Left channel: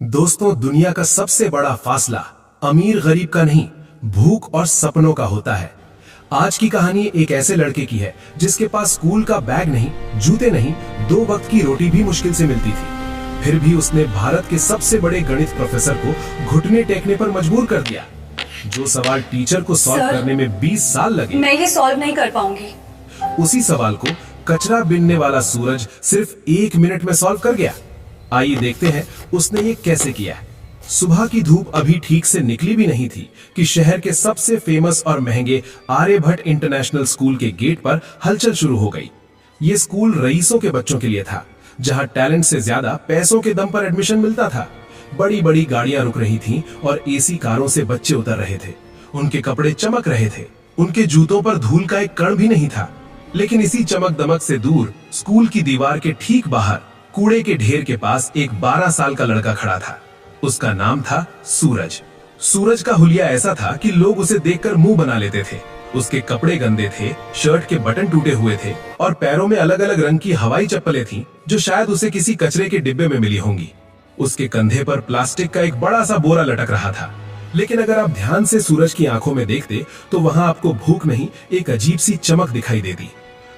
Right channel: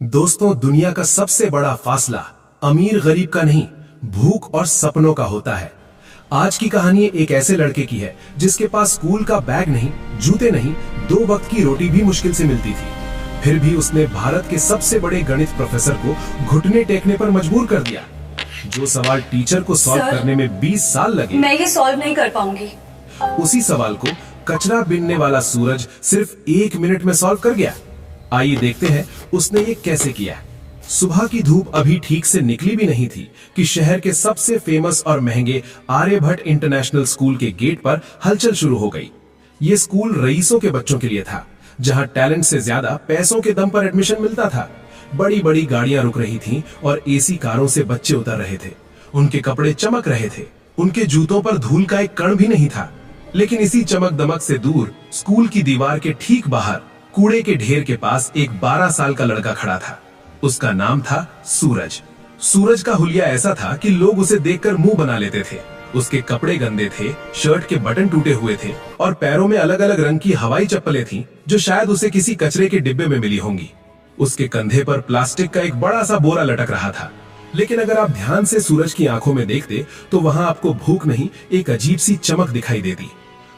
दोस्तों, दुनिया का सबसे बड़ा फासला अमीर गरीब का नहीं, भूख और सपनों का होता है। आज की कहानी एक ऐसे लड़के की है जिसके पास स्कूल का बैग नहीं, जूते नहीं, 2 वक्त की रोटी भी मुश्किल से मिलती थी। फिर भी उसने भारत के सबसे बड़े गणित प्रोफेसर को घुटने टेकने पर मजबूर कर दिया। जो सवाल टीचर को सॉल्व करने में 20 साल लगे, मैं ये सॉल्व नहीं कर पाऊंगी। उसी सवाल को कचरा बीनने वाला सूरज सिर्फ 1 मिनट में सॉल्व कर गया। आइए देखते हैं उसने ये कैसे किया। सुबह की धूप अभी ठीक से निकली भी नहीं थी कि शहर के सबसे फेमस और महंगे आर्यभट्ट इंटरनेशनल स्कूल के गेट पर हलचल शुरू हो गई। ये स्कूल रईसों के बच्चों के लिए था, जहां टैलेंट से ज्यादा पैसों के दम पर एडमिशन मिलता था। बड़ी बड़ी गाड़ियां रुक रही थीं और एसी कारों से बच्चे उतर रहे थे। उनके कपड़े चमक रहे थे, उनके जूतों पर धूल का एक कण भी नहीं था। लेकिन इसी चमक दमक से दूर स्कूल की दीवार के ठीक बाहर कूड़े के ढेर के पास एक 12 साल का लड़का खड़ा था। उसका नाम था सूरज। सूरज का हुलिया ऐसा था कि लोग उसे देखकर मुंह बना लेते थे। उसके कपड़े गंदे थे, शर्ट के बटन टूटे हुए थे और पैरों में अलग अलग रंग की हवाई चप्पलें थीं, जो शायद उसे किसी कचरे के डिब्बे में मिली होंगी। उसके कंधे पर प्लास्टिक का एक बड़ा सा बोरा लटक रहा था। लेकिन अगर आप ध्यान से सूरज की आंखों में देखते तो वहां आपको भूख नहीं, एक अजीब सी चमक दिखाई देती।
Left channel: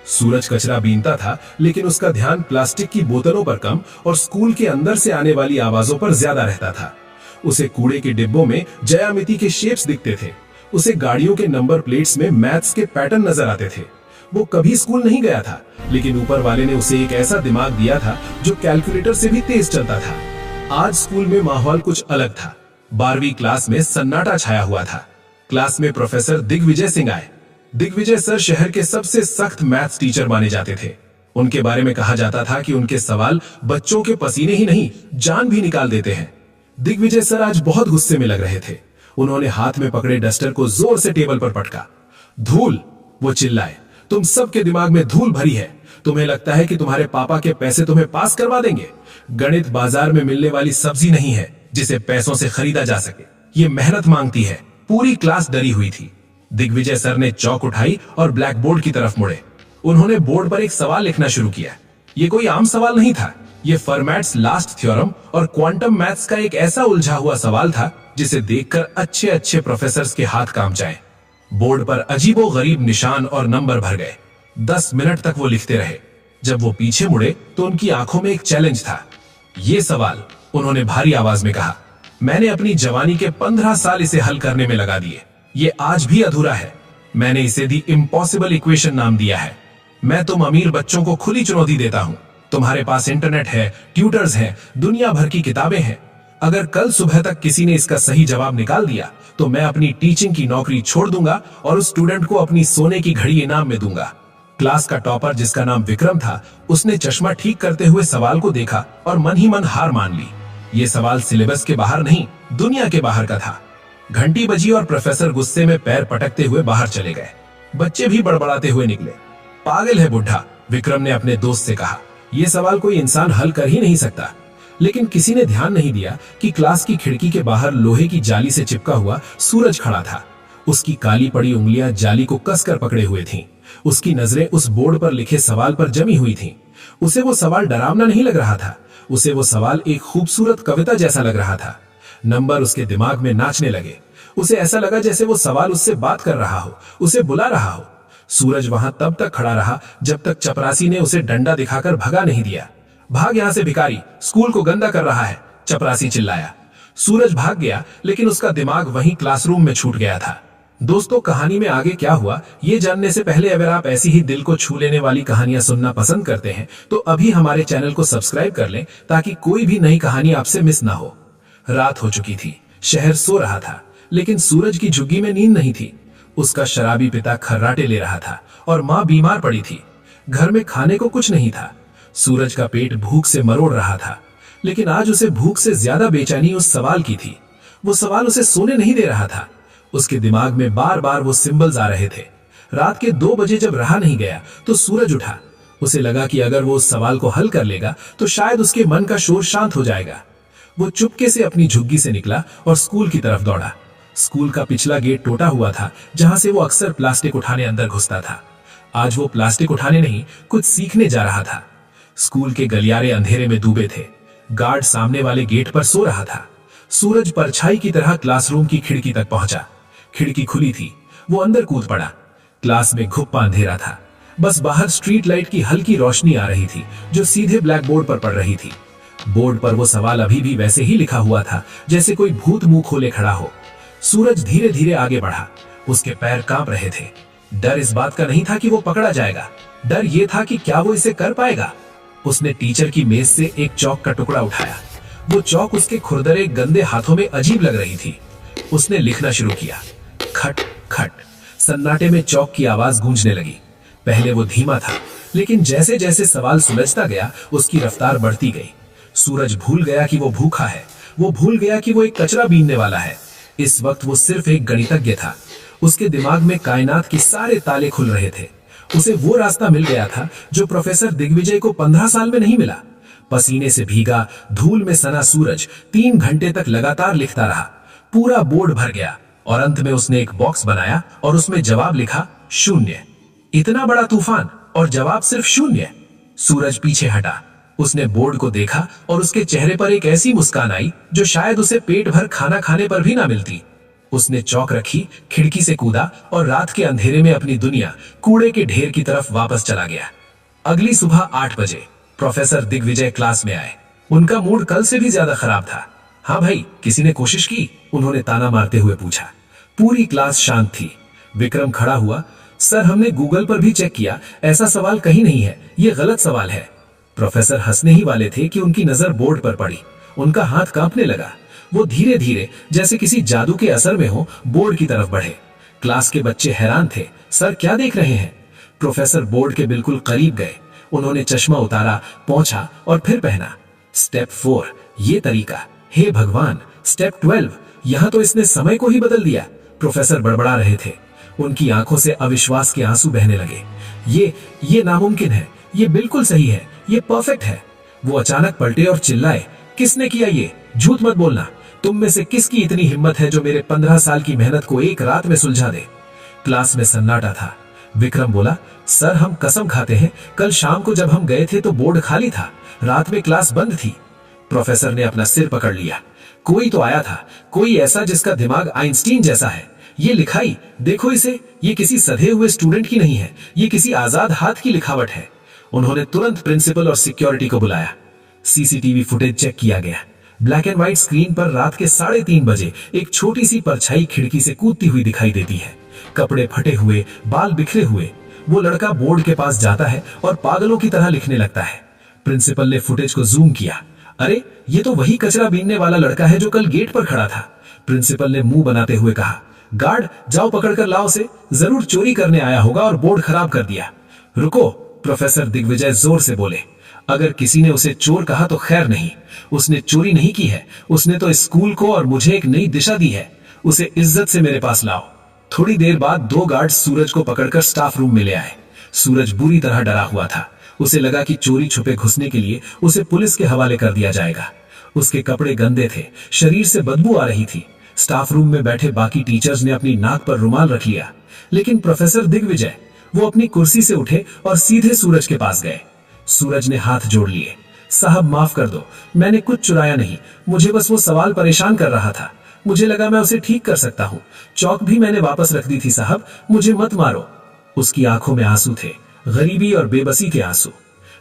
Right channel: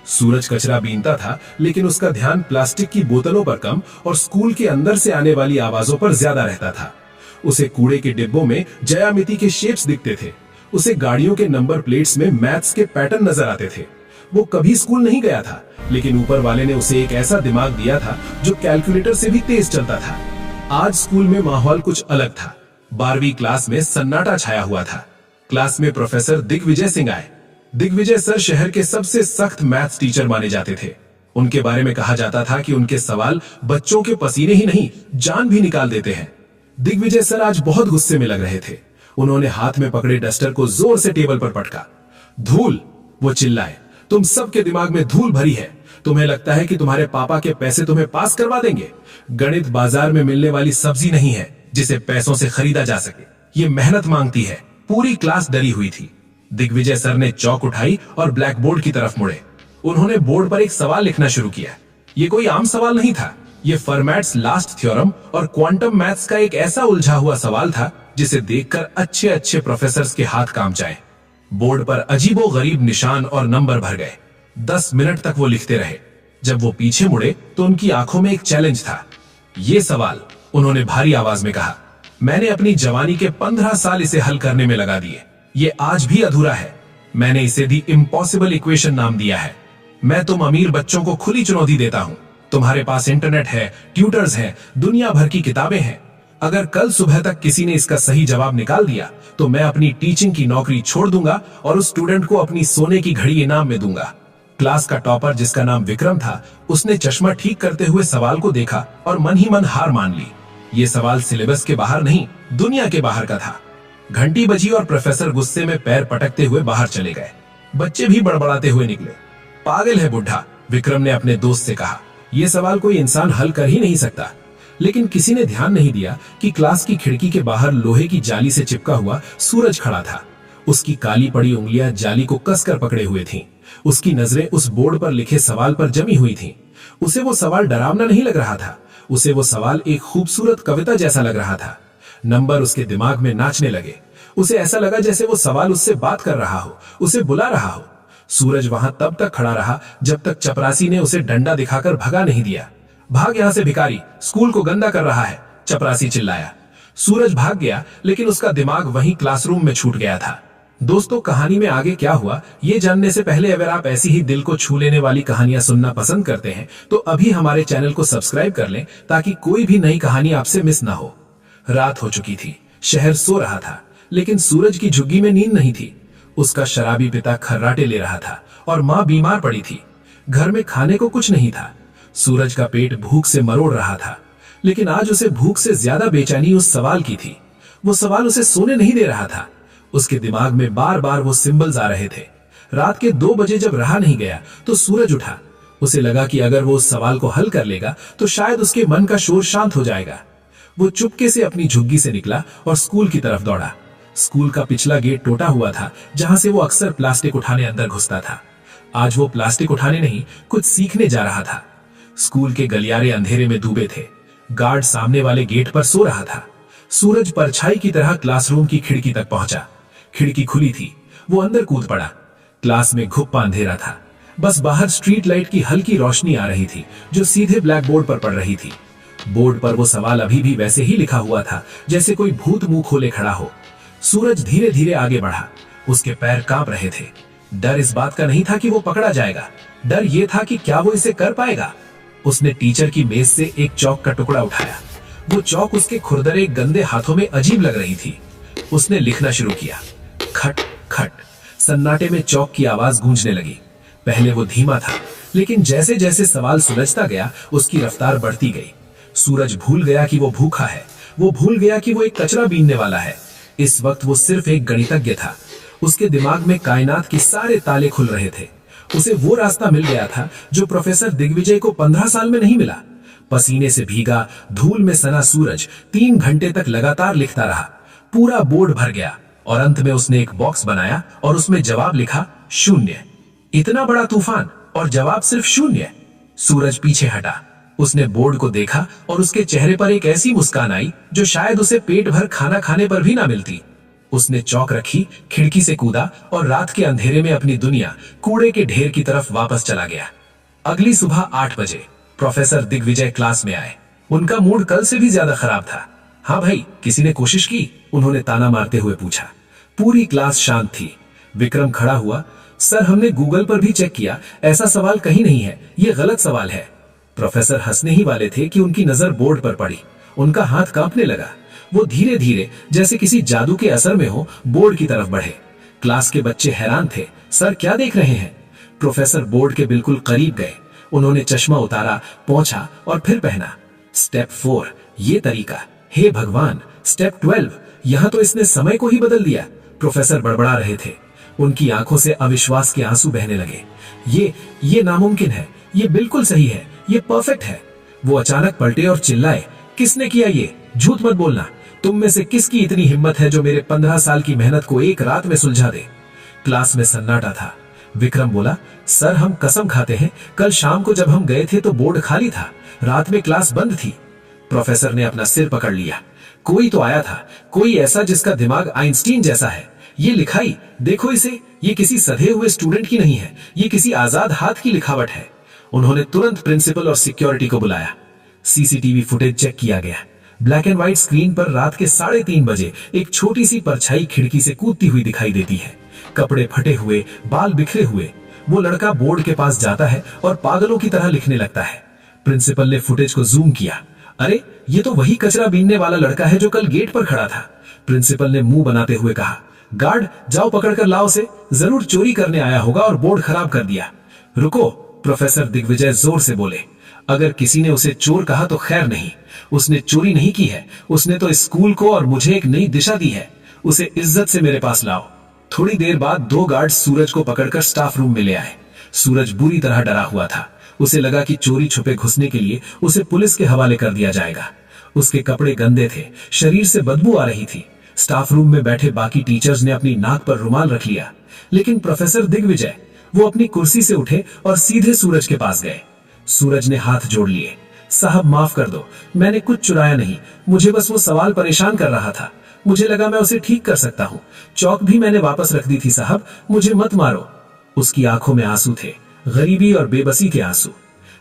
सूरज कचरा बीनता था, लेकिन उसका ध्यान प्लास्टिक की बोतलों पर कम और स्कूल के अंदर से आने वाली आवाजों पर ज्यादा रहता था। उसे कूड़े के डिब्बों में ज्यामिति के शेप्स दिखते थे। उसे गाड़ियों के नंबर प्लेट्स में मैथ्स के पैटर्न नजर आते थे। वो कभी स्कूल नहीं गया था, लेकिन ऊपर वाले ने उसे एक ऐसा दिमाग दिया था जो कैलकुलेटर से भी तेज चलता था। आज स्कूल में माहौल कुछ अलग था। 12वीं क्लास में सन्नाटा छाया हुआ था। क्लास में प्रोफेसर दिग्विजय सिंह आए। दिग्विजय सर शहर के सबसे सख्त मैथ्स टीचर माने जाते थे। उनके बारे में कहा जाता था कि उनके सवाल बच्चों के पसीने ही नहीं, जान भी निकाल देते हैं। दिग्विजय सर आज बहुत गुस्से में लग रहे थे। उन्होंने हाथ में पकड़े डस्टर को जोर से टेबल पर पटका। धूल, वो चिल्लाए, तुम सबके दिमाग में धूल भरी है। तुम्हें लगता है कि तुम्हारे पापा के पैसे तुम्हें पास करवा देंगे? गणित बाजार में मिलने वाली सब्जी नहीं है जिसे पैसों से खरीदा जा सके। ये मेहनत मांगती है। पूरी क्लास डरी हुई थी। दिग्विजय सर ने चौक उठाई और ब्लैक बोर्ड की तरफ मुड़े। उन्होंने बोर्ड पर एक सवाल लिखना शुरू किया। ये कोई आम सवाल नहीं था। ये फर्मैट्स लास्ट थ्योरम और क्वांटम मैथ्स का एक ऐसा उलझा हुआ सवाल था जिसे देखकर अच्छे अच्छे प्रोफेसर्स के हाथ कांप जाएं। बोर्ड पर अजीबो गरीब निशान और नंबर भर गए। 10 मिनट तक वो लिखते रहे। जब वो पीछे मुड़े तो उनकी आंखों में एक चैलेंज था। ये सवाल, उन्होंने भारी आवाज में कहा, मैंने अपनी जवानी के 15 साल इसे हल करने में लगा दिए। ये आज भी अधूरा है। मैंने इसे दी इम्पॉसिबल इक्वेशन नाम दिया है। मैं तुम अमीर बच्चों को खुली चुनौती देता हूं। तुम्हारे पास इंटरनेट है, ट्यूटर्स हैं, दुनिया भर की किताबें हैं। अगर कल सुबह तक किसी ने इसका सही जवाब निकाल दिया तो मैं अपनी टीचिंग की नौकरी छोड़ दूंगा और उस स्टूडेंट को अपनी सोने की घड़ी इनाम में दूंगा। क्लास का टॉपर, जिसका नाम विक्रम था, उसने चश्मा ठीक करते हुए सवाल को देखा और मन ही मन हार मान ली। ये सवाल सिलेबस के बाहर नहीं, दुनिया के बाहर का था। घंटी बजी और प्रोफेसर गुस्से में पैर पटकते हुए बाहर चले गए। बच्चे भी बड़बड़ाते हुए निकले। पागल है बुढ़ा, विक्रम ने अपने दोस्त से कहा। यह सवाल कोई इंसान हल कर ही नहीं सकता। लेकिन किसी ने ध्यान नहीं दिया कि क्लास की खिड़की के बाहर लोहे की जाली से चिपका हुआ सूरज खड़ा था। उसकी काली पड़ी उंगलियां जाली को कसकर पकड़े हुए थीं। उसकी नजरें उस बोर्ड पर लिखे सवाल पर जमी हुई थीं। उसे वो सवाल डरावना नहीं लग रहा था। उसे वो सवाल एक खूबसूरत कविता जैसा लग रहा था। नंबर उसके दिमाग में नाचने लगे। उसे ऐसा लगा जैसे वो सवाल उससे बात कर रहा हो, उसे बुला रहा हो। सूरज वहां तब तक खड़ा रहा जब तक चपरासी ने उसे डंडा दिखाकर भगा नहीं दिया। भाग यहां से भिखारी, स्कूल को गंदा कर रहा है, चपरासी चिल्लाया। सूरज भाग गया, लेकिन उसका दिमाग वहीं क्लासरूम में छूट गया था। दोस्तों, कहानी में आगे क्या हुआ ये जानने से पहले अगर आप ऐसी ही दिल को छू लेने वाली कहानियां सुनना पसंद करते हैं तो अभी हमारे चैनल को सब्सक्राइब कर लें, ताकि कोई भी नई कहानी आपसे मिस ना हो। रात हो चुकी थी। शहर सो रहा था, लेकिन सूरज की झुग्गी में नींद नहीं थी। उसका शराबी पिता खर्राटे ले रहा था और मां बीमार पड़ी थी। घर में खाने को कुछ नहीं था। सूरज का पेट भूख से मरोड़ रहा था, लेकिन आज उसे भूख से ज्यादा बेचैनी उस सवाल की थी। वो सवाल उसे सोने नहीं दे रहा था। उसके दिमाग में बार बार वो सिंबल्स आ रहे थे। रात के 2 बजे जब रहा नहीं गया तो सूरज उठा। उसे लगा कि अगर वो उस सवाल को हल कर लेगा तो शायद उसके मन का शोर शांत हो जाएगा। वो चुपके से अपनी झुग्गी से निकला और स्कूल की तरफ दौड़ा। स्कूल का पिछला गेट टूटा हुआ था, जहां से वो अक्सर प्लास्टिक उठाने अंदर घुसता था। आज वो प्लास्टिक उठाने नहीं, कुछ सीखने जा रहा था। स्कूल के गलियारे अंधेरे में डूबे थे। गार्ड सामने वाले गेट पर सो रहा था। सूरज परछाई की तरह क्लासरूम की खिड़की तक पहुंचा। खिड़की खुली थी, वो अंदर कूद पड़ा। क्लास में घुप्पा अंधेरा था, बस बाहर स्ट्रीट लाइट की हल्की रोशनी आ रही थी जो सीधे ब्लैक बोर्ड पर पड़ रही थी। बोर्ड पर वो सवाल अभी भी वैसे ही लिखा हुआ था जैसे कोई भूत मुंह खोले खड़ा हो। सूरज धीरे धीरे आगे बढ़ा। उसके पैर कांप रहे थे। डर इस बात का नहीं था कि वो पकड़ा जाएगा, डर ये था कि क्या वो इसे कर पाएगा। उसने टीचर की मेज से एक चौक का टुकड़ा उठाया। वो चौक उसके खुरदरे गंदे हाथों में अजीब लग रही थी। उसने लिखना शुरू किया। खट खट। सन्नाटे में चौक की आवाज गूंजने लगी। पहले वो धीमा था, लेकिन जैसे जैसे सवाल सुलझता गया उसकी रफ्तार बढ़ती गई। सूरज भूल गया कि वो भूखा है। वो भूल गया कि वो एक कचरा बीनने वाला है। इस वक्त वो सिर्फ एक गणितज्ञ था। उसके दिमाग में कायनात के सारे ताले खुल रहे थे। उसे वो रास्ता मिल गया था जो प्रोफेसर दिग्विजय को 15 साल में नहीं मिला। पसीने से भीगा, धूल में सना सूरज 3 घंटे तक लगातार लिखता रहा। पूरा बोर्ड भर गया और अंत में उसने एक बॉक्स बनाया और उसमें जवाब लिखा 0। इतना बड़ा तूफान और जवाब सिर्फ 0। सूरज पीछे हटा। उसने बोर्ड को देखा और उसके चेहरे पर एक ऐसी मुस्कान आई जो शायद उसे पेट भर खाना खाने पर भी ना मिलती। उसने चौक रखी, खिड़की से कूदा और रात के अंधेरे में अपनी दुनिया कूड़े के ढेर की तरफ वापस चला गया। अगली सुबह 8 बजे प्रोफेसर दिग्विजय क्लास में आए। उनका मूड कल से भी ज्यादा खराब था। हाँ भाई, किसी ने कोशिश की? उन्होंने ताना मारते हुए पूछा। पूरी क्लास शांत थी। विक्रम खड़ा हुआ। सर, हमने गूगल पर भी चेक किया, ऐसा सवाल कहीं नहीं है, ये गलत सवाल है। प्रोफेसर हंसने ही वाले थे कि उनकी नजर बोर्ड पर पड़ी। उनका हाथ कांपने लगा। वो धीरे धीरे जैसे किसी जादू के असर में हो बोर्ड की तरफ बढ़े। क्लास के बच्चे हैरान थे। सर, क्या देख रहे हैं? प्रोफेसर बोर्ड के बिल्कुल करीब गए। उन्होंने चश्मा उतारा, पोंछा और फिर पहना। स्टेप 4, ये तरीका। हे भगवान, स्टेप 12, यहां तो इसने समय को ही बदल दिया। प्रोफेसर बड़बड़ा रहे थे। उनकी आंखों से अविश्वास के आंसू बहने लगे। ये नामुमकिन है, ये बिल्कुल सही है, ये परफेक्ट है। वो अचानक पलटे और चिल्लाए, किसने किया ये? झूठ मत बोलना। तुम में से किसकी इतनी हिम्मत है जो मेरे 15 साल की मेहनत को एक रात में सुलझा दे? क्लास में सन्नाटा था। विक्रम बोला, सर, हम कसम खाते हैं, कल शाम को जब हम गए थे तो बोर्ड खाली था, रात में क्लास बंद थी। प्रोफेसर ने अपना सिर पकड़ लिया। कोई तो आया था, कोई ऐसा जिसका दिमाग आइंस्टीन जैसा है। ये लिखाई देखो इसे, ये किसी सधे हुए स्टूडेंट की नहीं है, ये किसी आजाद हाथ की लिखावट है। उन्होंने तुरंत प्रिंसिपल और सिक्योरिटी को बुलाया। सीसीटीवी फुटेज चेक किया गया। ब्लैक एंड व्हाइट स्क्रीन पर रात के 3:30 बजे एक छोटी सी परछाई खिड़की से कूदती हुई दिखाई देती है। कपड़े फटे हुए, बाल बिखरे हुए। वो लड़का बोर्ड के पास जाता है और पागलों की तरह लिखने लगता है। प्रिंसिपल ने फुटेज को जूम किया। अरे, ये तो वही कचरा बीनने वाला लड़का है जो कल गेट पर खड़ा था। प्रिंसिपल ने मुंह बनाते हुए कहा, गार्ड, जाओ पकड़ कर लाओ उसे, जरूर चोरी करने आया होगा और बोर्ड खराब कर दिया। रुको, प्रोफेसर दिग्विजय जोर से बोले। अगर किसी ने उसे चोर कहा तो खैर नहीं, उसने चोरी नहीं की है, उसने तो स्कूल को और मुझे एक नई दिशा दी है। उसे इज्जत से मेरे पास लाओ। थोड़ी देर बाद 2 गार्ड सूरज को पकड़कर स्टाफ रूम में ले आए। सूरज बुरी तरह डरा हुआ था। उसे लगा कि चोरी छुपे घुसने के लिए उसे पुलिस के हवाले कर दिया जाएगा। उसके कपड़े गंदे थे, शरीर से बदबू आ रही थी। स्टाफ रूम में बैठे बाकी टीचर्स ने अपनी नाक पर रुमाल रख लिया, लेकिन प्रोफेसर दिग्विजय, वो अपनी कुर्सी से उठे और सीधे सूरज के पास गए। सूरज ने हाथ जोड़ लिए। साहब, माफ कर दो, मैंने कुछ चुराया नहीं, मुझे बस वो सवाल परेशान कर रहा था। मुझे लगा मैं उसे ठीक कर सकता हूँ। चौक भी मैंने वापस रख दी थी साहब, मुझे मत मारो। उसकी आंखों में आंसू थे, गरीबी और बेबसी के आंसू।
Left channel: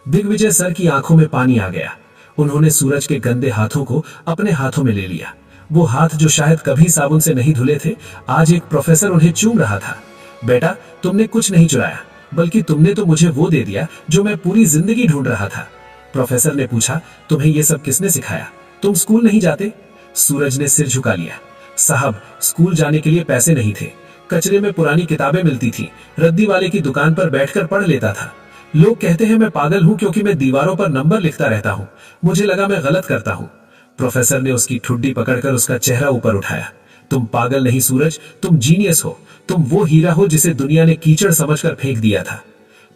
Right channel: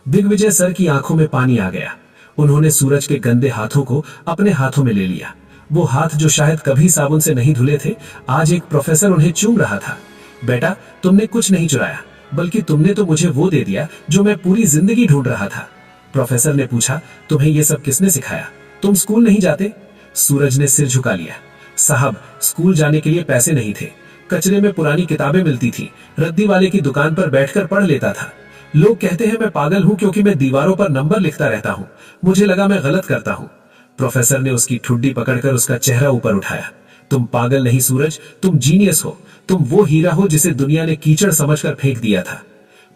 दिग्विजय सर की आंखों में पानी आ गया। उन्होंने सूरज के गंदे हाथों को अपने हाथों में ले लिया। वो हाथ जो शायद कभी साबुन से नहीं धुले थे, आज एक प्रोफेसर उन्हें चूम रहा था। बेटा, तुमने कुछ नहीं चुराया, बल्कि तुमने तो मुझे वो दे दिया जो मैं पूरी जिंदगी ढूंढ रहा था। प्रोफेसर ने पूछा, तुम्हें ये सब किसने सिखाया? तुम स्कूल नहीं जाते? सूरज ने सिर झुका लिया। साहब, स्कूल जाने के लिए पैसे नहीं थे। कचरे में पुरानी किताबें मिलती थी, रद्दी वाले की दुकान पर बैठकर पढ़ लेता था। लोग कहते हैं मैं पागल हूं क्योंकि मैं दीवारों पर नंबर लिखता रहता हूं। मुझे लगा मैं गलत करता हूं। प्रोफेसर ने उसकी ठुड्डी पकड़कर उसका चेहरा ऊपर उठाया। तुम पागल नहीं सूरज, तुम जीनियस हो। तुम वो हीरा हो जिसे दुनिया ने कीचड़ समझकर फेंक दिया था।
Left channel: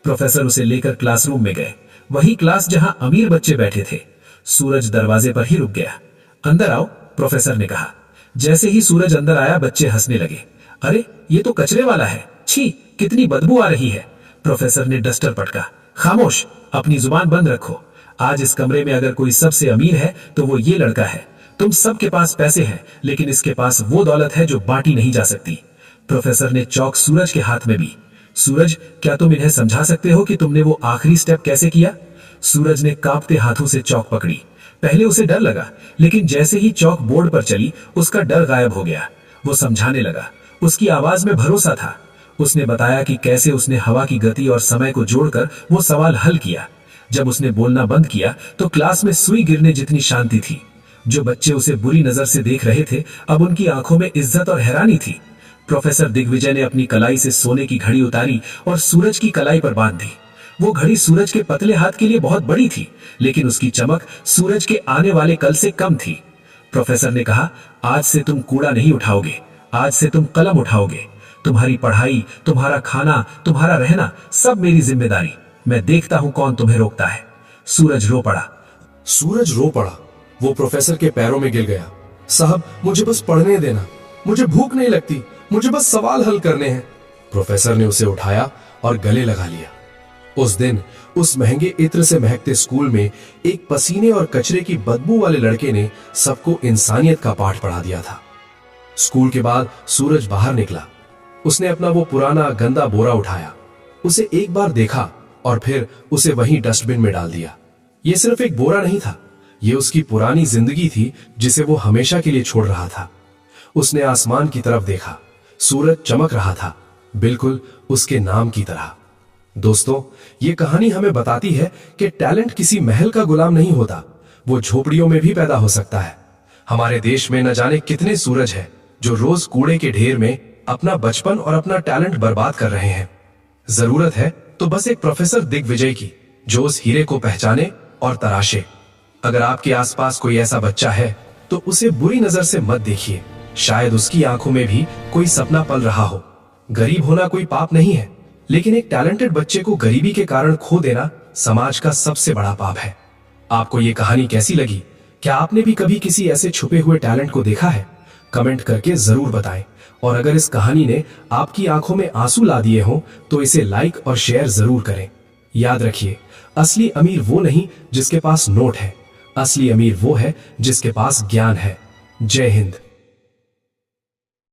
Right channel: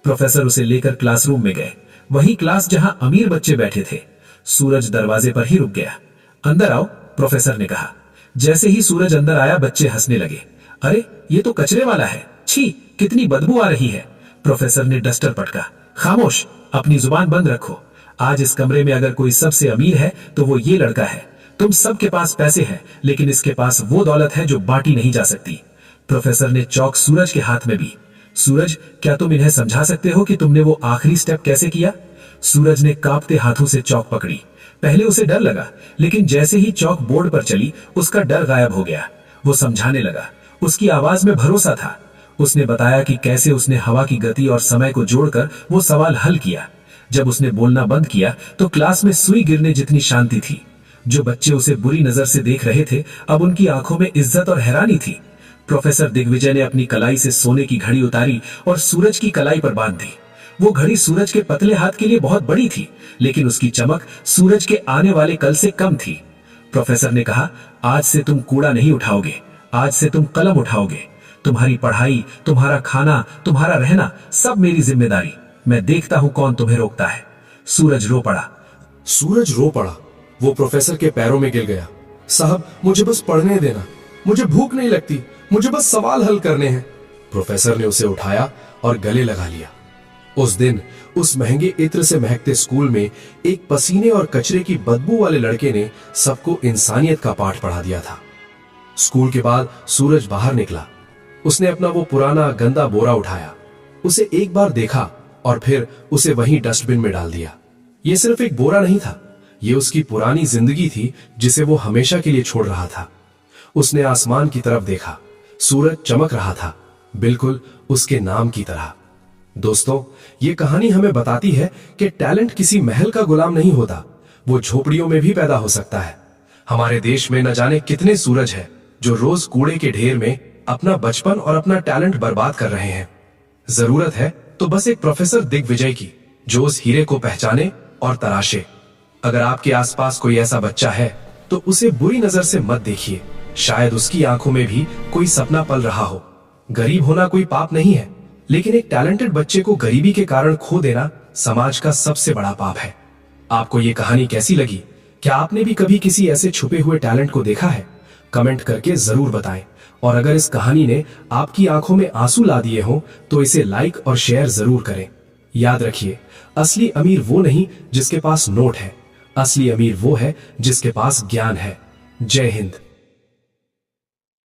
प्रोफेसर उसे लेकर क्लासरूम में गए, वही क्लास जहां अमीर बच्चे बैठे थे। सूरज दरवाजे पर ही रुक गया। अंदर आओ, प्रोफेसर ने कहा। जैसे ही सूरज अंदर आया, बच्चे हंसने लगे। अरे, ये तो कचरे वाला है, छी, कितनी बदबू आ रही है। प्रोफेसर ने डस्टर पटका। खामोश, अपनी जुबान बंद रखो। आज इस कमरे में अगर कोई सबसे अमीर है तो वो ये लड़का है। तुम सबके पास पैसे हैं, लेकिन इसके पास वो दौलत है जो बांटी नहीं जा सकती। प्रोफेसर ने चौक सूरज के हाथ में दी। सूरज, क्या तुम इन्हें समझा सकते हो कि तुमने वो आखिरी स्टेप कैसे किया? सूरज ने कांपते हाथों से चौक पकड़ी। पहले उसे डर लगा, लेकिन जैसे ही चौक बोर्ड पर चली उसका डर गायब हो गया। वो समझाने लगा। उसकी आवाज में भरोसा था। उसने बताया कि कैसे उसने हवा की गति और समय को जोड़कर वो सवाल हल किया। जब उसने बोलना बंद किया तो क्लास में सुई गिरने जितनी शांति थी। जो बच्चे उसे बुरी नजर से देख रहे थे, अब उनकी आंखों में इज्जत और हैरानी थी। प्रोफेसर दिग्विजय ने अपनी कलाई से सोने की घड़ी उतारी और सूरज की कलाई पर बांध दी। वो घड़ी सूरज के पतले हाथ के लिए बहुत बड़ी थी, लेकिन उसकी चमक सूरज के आने वाले कल से कम थी। प्रोफेसर ने कहा, आज से तुम कूड़ा नहीं उठाओगे, आज से तुम कलम उठाओगे। तुम्हारी पढ़ाई, तुम्हारा खाना, तुम्हारा रहना सब मेरी जिम्मेदारी। मैं देखता हूं कौन तुम्हें रोकता है। सूरज रो पड़ा। सूरज रो पड़ा। वो प्रोफेसर के पैरों में गिर गया। साहब, मुझे बस पढ़ने देना, मुझे भूख नहीं लगती, मुझे बस सवाल हल करने हैं। प्रोफेसर ने उसे उठाया और गले लगा लिया। उस दिन उस महंगे इत्र से महकते स्कूल में एक पसीने और कचरे की बदबू वाले लड़के ने सबको इंसानियत का पाठ पढ़ा दिया था। स्कूल के बाद सूरज बाहर निकला। उसने अपना वो पुराना गंदा बोरा उठाया, उसे एक बार देखा और फिर उसे वहीं डस्टबिन में डाल दिया। ये सिर्फ एक बोरा नहीं था, ये उसकी पुरानी जिंदगी थी जिसे वो हमेशा के लिए छोड़ रहा था। उसने आसमान की तरफ देखा। सूरज चमक रहा था, बिल्कुल उसके नाम की तरह। दोस्तों, ये कहानी हमें बताती है कि टैलेंट किसी महल का गुलाम नहीं होता, वो झोपड़ियों में भी पैदा हो सकता है। हमारे देश में न जाने कितने सूरज हैं जो रोज कूड़े के ढेर में अपना बचपन और अपना टैलेंट बर्बाद कर रहे हैं। जरूरत है तो बस एक प्रोफेसर दिग्विजय की, जो उस हीरे को पहचाने और तराशे। अगर आपके आसपास कोई ऐसा बच्चा है तो उसे बुरी नजर से मत देखिए। शायद उसकी आंखों में भी कोई सपना पल रहा हो। गरीब होना कोई पाप नहीं है, लेकिन एक टैलेंटेड बच्चे को गरीबी के कारण खो देना समाज का सबसे बड़ा पाप है। आपको ये कहानी कैसी लगी? क्या आपने भी कभी किसी ऐसे छुपे हुए टैलेंट को देखा है? कमेंट करके जरूर बताएं। और अगर इस कहानी ने आपकी आंखों में आंसू ला दिए हों तो इसे लाइक और शेयर जरूर करें। याद रखिए, असली अमीर वो नहीं जिसके पास नोट है, असली अमीर वो है जिसके पास ज्ञान है। जय हिंद।